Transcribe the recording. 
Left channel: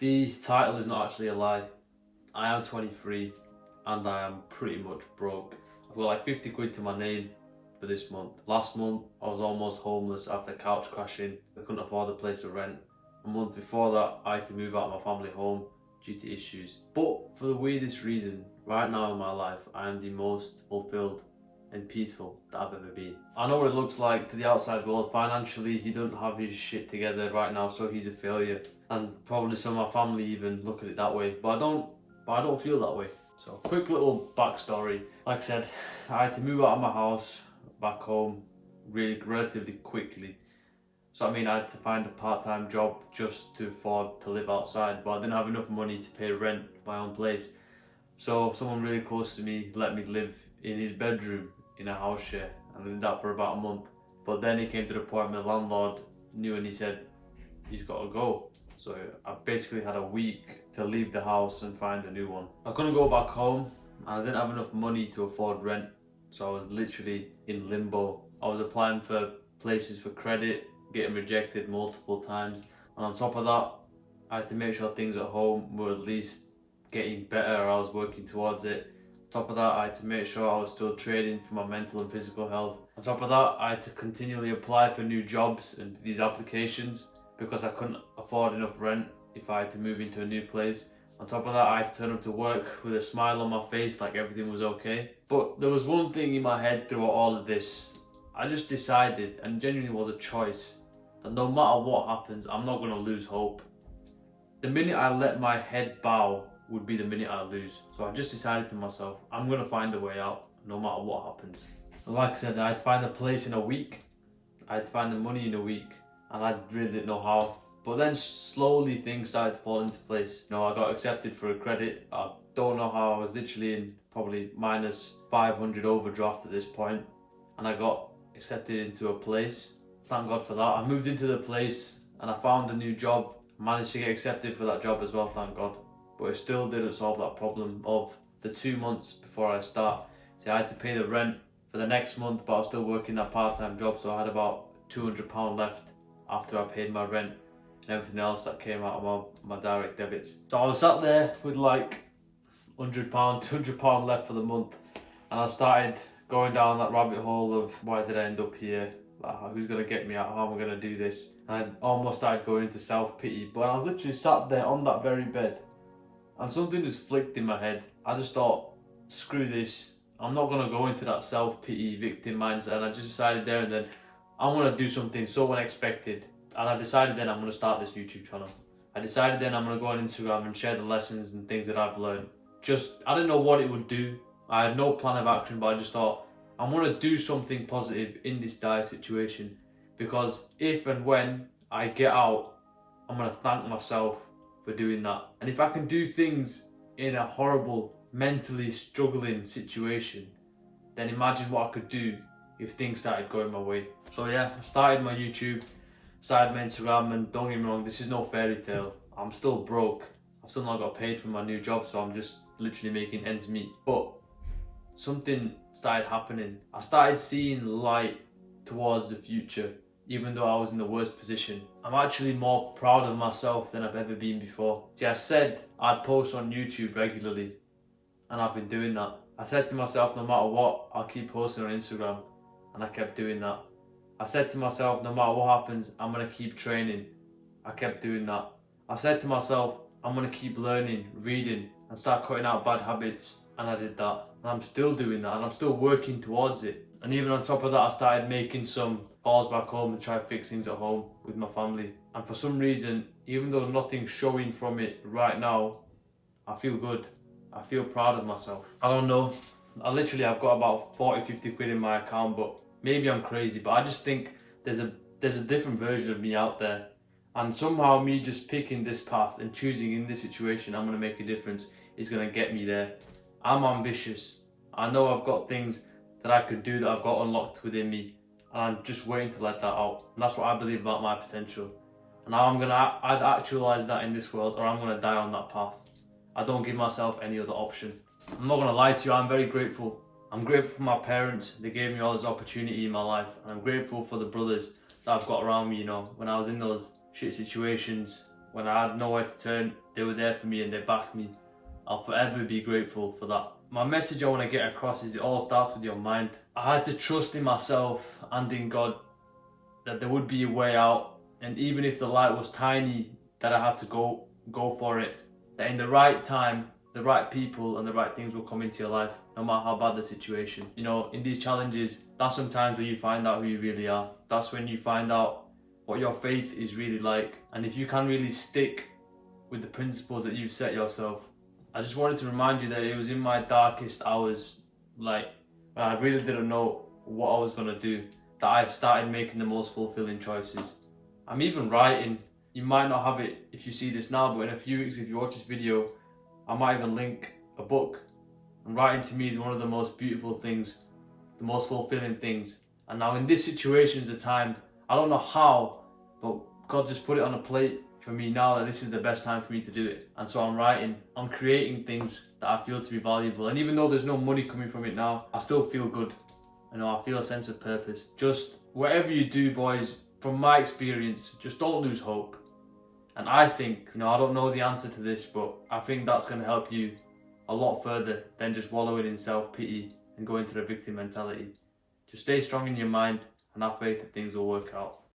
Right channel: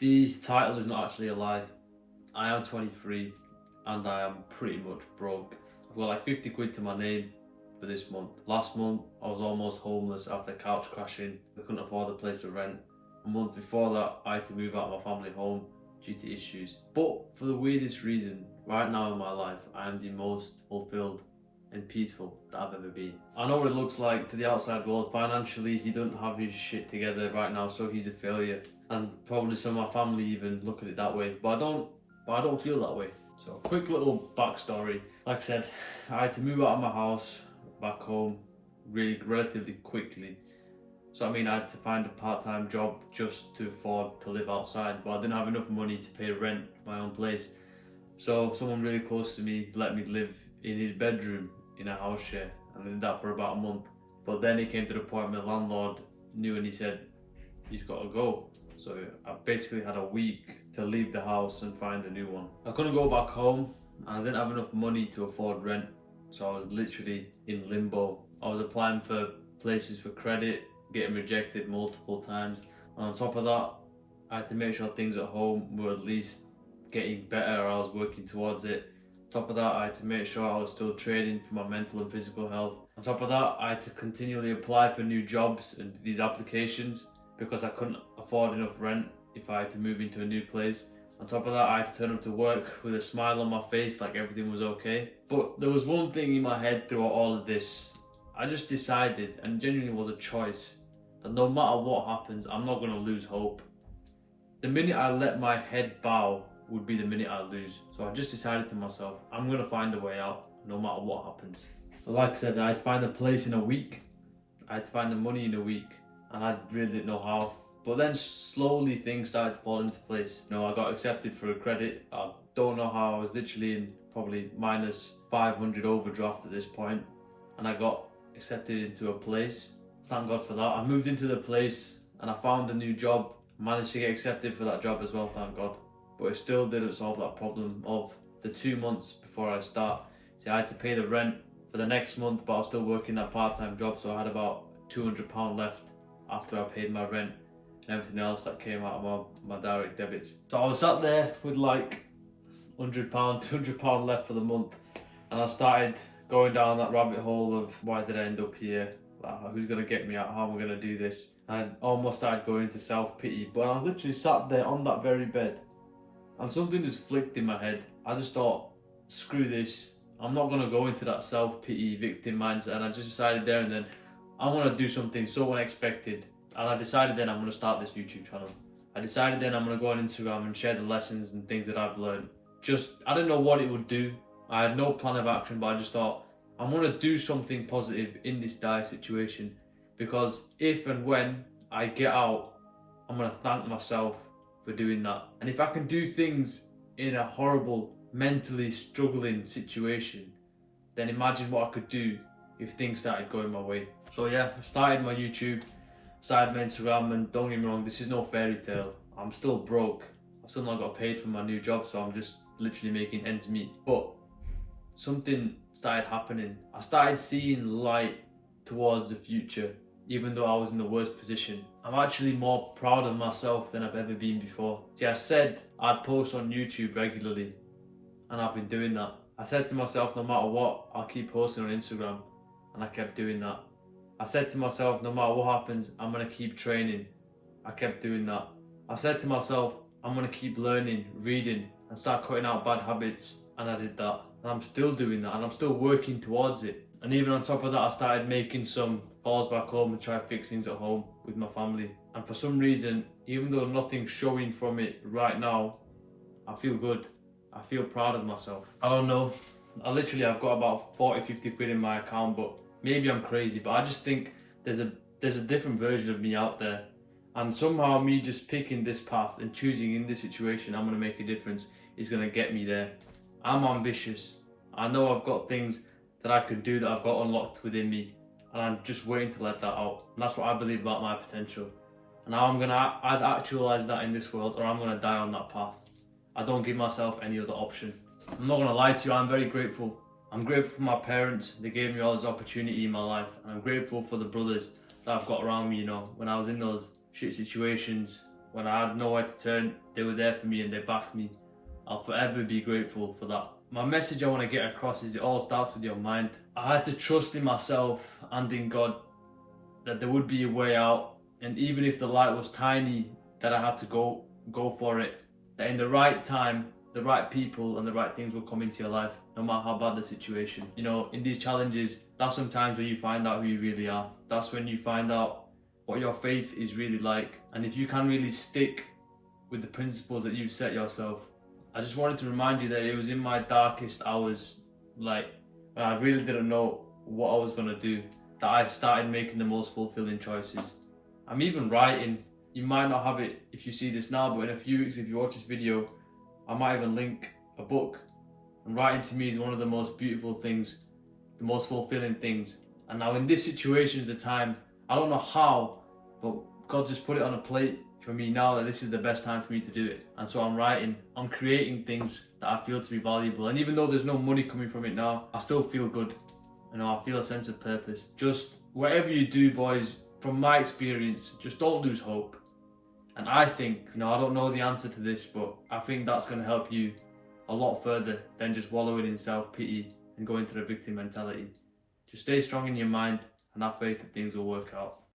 The title is not actually a lie. I am 23 and I am pretty much broke. I've got like 50 quid to my name for this month. Last month I was almost homeless after couch crashing. I couldn't afford a place to rent. A month before that I had to move out of my family home due to issues. But for the weirdest reason, right now in my life I am the most fulfilled and peaceful that I've ever been. I know what it looks like to the outside world. Financially he doesn't have his shit together right now, so he's a failure. And probably some of my family even look at it that way. But I don't feel that way. So quick little backstory. Like I said, I had to move out of my house back home relatively quickly. So I mean I had to find a part-time job just to afford to live outside, but I didn't have enough money to pay rent for my own place. So someone really close to me let me live in his bedroom in a house share, and I did that for about a month. But then it came to the point where the landlord knew and he said he's got to go. So I basically had a week to leave the house and find a new one. I couldn't go back home and I didn't have enough money to afford rent. So I was literally in limbo. I was applying for places for credit, getting rejected multiple times. And on top of that, I had to make sure things at home were at least getting better, or I was working towards it. On top of that, I had to make sure I was still training for my mental and physical health. On top of that, I had to continually apply for new jobs and these applications because I couldn't afford enough rent if I had to move into a new place. On top of that, I had to turn up to work with a smile on my face like everything was okay. But there was one thing in my head throughout all of this. I just decided, and genuinely was a choice, that no matter what happens, I'm not going to lose hope. The minute I let my head bow would be the minute I lose. So I just decided to myself, I'm going to find a way out no matter what happens. But like I said, I had to find a place in a week. I had to find the money in a week. And I really didn't know how. But then slowly things started to fall into place. You know, I got accepted for a credit. I don't know how. I was literally in probably minus 500 overdraft at this point. And I got accepted into a place. Thank God for that. I moved into the place and I found a new job. Managed to get accepted for that job as well, thank God. But it still didn't solve that problem of the 2 months before I start. See, I had to pay the rent for the next month, but I was still working that part-time job. So I had about £200 left after I paid my rent and everything else that came out of my direct debits. So I was sat there with like £100, £200 left for the month, and I started going down that rabbit hole of why did I end up here? Like, who's gonna get me out? How am I gonna do this? And I almost started going into self-pity, but I was literally sat there on that very bed and something just flicked in my head. I just thought, screw this. I'm not gonna go into that self-pity victim mindset, and I just decided there and then I'm going to do something so unexpected. And I decided then I'm going to start this YouTube channel. I decided then I'm going to go on Instagram and share the lessons and things that I've learned. I didn't know what it would do. I had no plan of action, but I just thought I'm going to do something positive in this dire situation. Because if and when I get out, I'm going to thank myself for doing that. And if I can do things in a horrible, mentally struggling situation, then imagine what I could do if things started going my way. So yeah, I started my YouTube, started my Instagram, and don't get me wrong, this is no fairy tale. I'm still broke. I've still not got paid for my new job, so I'm just literally making ends meet. But something started happening. I started seeing light towards the future, even though I was in the worst position. I'm actually more proud of myself than I've ever been before. See, I said I'd post on YouTube regularly, and I've been doing that. I said to myself, no matter what, I'll keep posting on Instagram. And I kept doing that. I said to myself, no matter what happens, I'm going to keep training. I kept doing that. I said to myself, I'm going to keep learning, reading, and start cutting out bad habits. And I did that. And I'm still doing that. And I'm still working towards it. And even on top of that, I started making some calls back home and try to fix things at home with my family. And for some reason, even though nothing's showing from it right now, I feel good. I feel proud of myself. I don't know. I've got about 40-50 quid in my account, but maybe I'm crazy, but I just think there's a different version of me out there, and somehow me just picking this path and choosing in this situation I'm going to make a difference is going to get me there. I'm ambitious. I know I've got things that I could do that I've got unlocked within me, and I'm just waiting to let that out. And that's what I believe about my potential, and now I'm going to either actualize that in this world or I'm going to die on that path. I don't give myself any other option. I'm not going to lie to you, I'm very grateful. I'm grateful for my parents. They gave me all this opportunity in my life. And I'm grateful for the brothers that I've got around me, you know. When I was in those shit situations, when I had nowhere to turn, they were there for me and they backed me. I'll forever be grateful for that. My message I want to get across is it all starts with your mind. I had to trust in myself and in God that there would be a way out, and even if the light was tiny, that I had to go for it. That in the right time, the right people and the right things will come into your life, no matter how bad the situation. You know, in these challenges, that's sometimes where you find out who you really are. That's when you find out what your faith is really like, and if you can really stick with the principles that you've set yourself. I just wanted to remind you that it was in my darkest hours, like when I really didn't know what I was gonna do, that I started making the most fulfilling choices. I'm even writing. You might not have it if you see this now, but in a few weeks, if you watch this video, I might even link a book. And writing to me is one of the most beautiful things, the most fulfilling things. And now in this situation is the time, I don't know how, but God just put it on a plate for me now that this is the best time for me to do it. And so I'm writing, I'm creating things that I feel to be valuable. And even though there's no money coming from it now, I still feel good. You know, I feel a sense of purpose. Just whatever you do, boys, from my experience, just don't lose hope. And I think, you know, I don't know the answer to this, but I think that's going to help you a lot further than just wallowing in self-pity and going to the victim mentality. Just stay strong in your mind and have faith that things will work out.